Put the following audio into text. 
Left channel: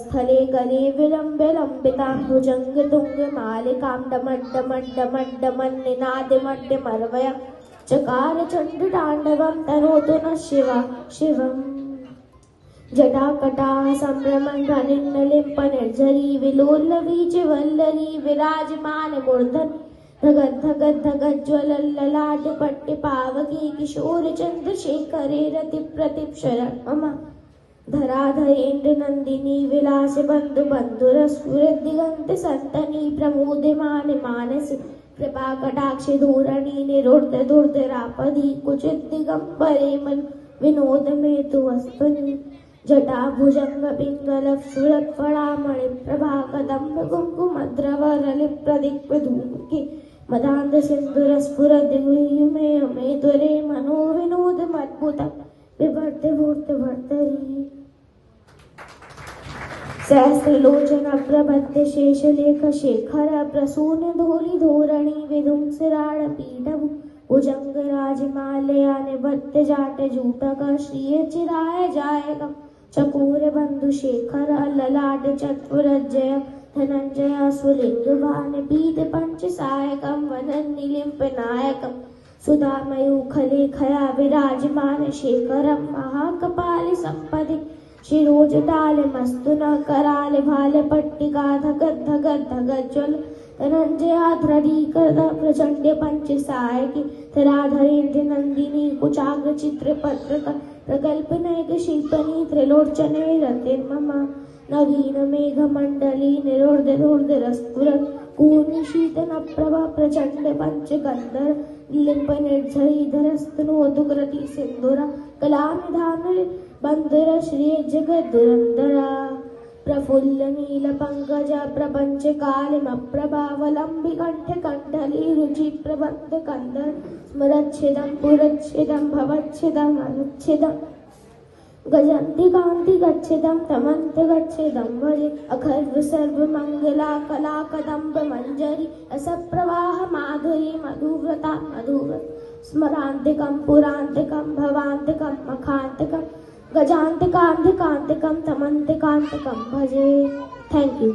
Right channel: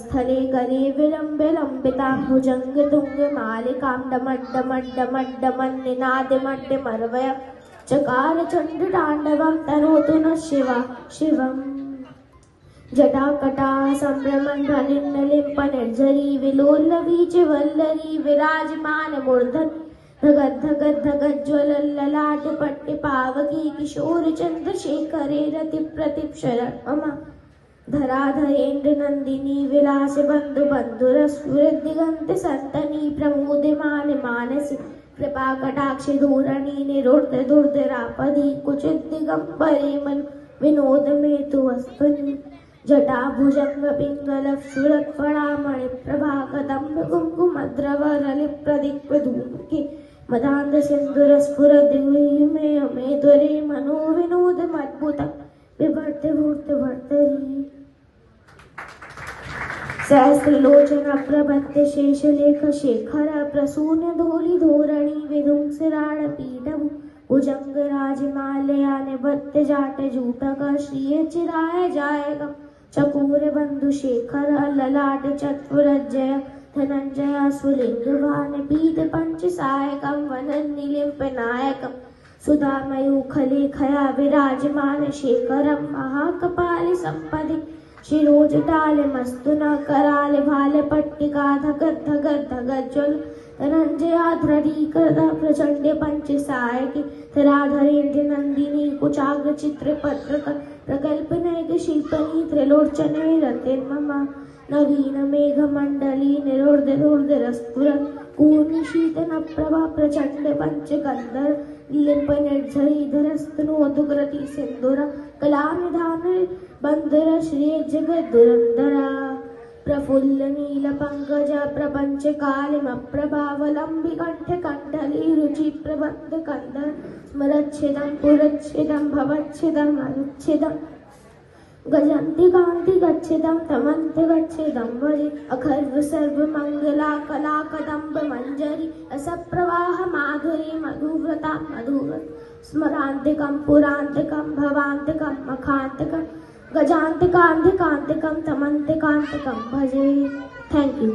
स्थले करे विलम्बे लम्बितां भुजंग तुंग मालिकां डमड्डमड्डमड्डमन्निनादमड्डमर्वय चकार चण्डताण्डवं तनोतु नः शिवम् जटाकटाः सम्भ्रमन्ध्वनिर्लिम्पनिर्झरी विलोलवी च वल्लरी विराजमानमूर्धनि धगद्धगद्धगज्ज्वलल्ललाटपट्टिपावकी किशोरचन्द्रशेखरे रतिप्रतिक्षरणं मम धराधरेन्द्रनन्दिनी विलासबन्धुबन्धुरस्फुरद्दिगन्ते सन्तनी प्रमोदमाने मानसे कृपाकटाक्षे धोरणी निरोद्धदुर्धरापदी कुचिद्दिगम्बरे मनु विनोद मे तु वस्तुनि जटाभुजङ्गपिङ्गलक्षुरत्फलामणिप्रभा कदम्ब कुङ्कुमद्रवरलिप्रदिक्प्रधूमुखी मदान्धसिन्दूरस्फुरद्दिव्यमे द्वरे मनो विनोदमद्भुतं बिभर्तिभूर्तिभर्तरि सहस्रलोचनप्रभत्य शेषलेखशेखर प्रसूनधूलिधोरणी विधुंसिराळपीठभु भुजङ्गराजमालया निबद्धजाटजूटक श्रियचिराय जायकं चकोरबन्धुशेखर ललाटचत्वरजय धनञ्जय सुलिङ्गवानपीठपञ्चसायकं वनन्निलिम्पनायकं सुधामयूखलेखया विराजमानशेखरं महाकपालिसम्पदि शिरोजटालमस्तु न करालभालपट्टिका धगद्धगद्धगज्ज्वल धनञ्जयाध्ररीकृत प्रचण्ड पञ्चसायकी धराधरेन्द्र नन्दिनी कुचाग्रचित्रपत्रक प्रकल्पनैक शिल्पनी त्रिलोचने रतिर्मम नवीन मेघमण्डली निरोर्धरोर्धरस्फुरन् कूर्निशीतनप्रभा प्रचण्ड पञ्चगन्धर लिम्पनिर्झरीधरस्तनोतु कृति सिन्दूर कलानिधान बन्धुर श्रिय जगद्दुरन्धरा प्रफुल्ल नील पंकज प्रपंच कालिमप्रभावलंबि कंठ कंडली रुचि प्रबंध कंदर स्मरच्छेदं पुरच्छेदं भवच्छेदं अनुच्छेदं गजन्ति कान्ति गच्छेदं तमन्ति गच्छेदं भजे अखर्व सर्व मंगला कला कदम्ब मंजरी रसप्रवाह माधुरी मधुव्रता मधुव्रत स्मरान्तिकं पुरान्तिकं भवान्तिकं मखान्तिकं गजान्तिकान्तिकान्तिकं तमन्तिकान्तिकं भजे। Thank you.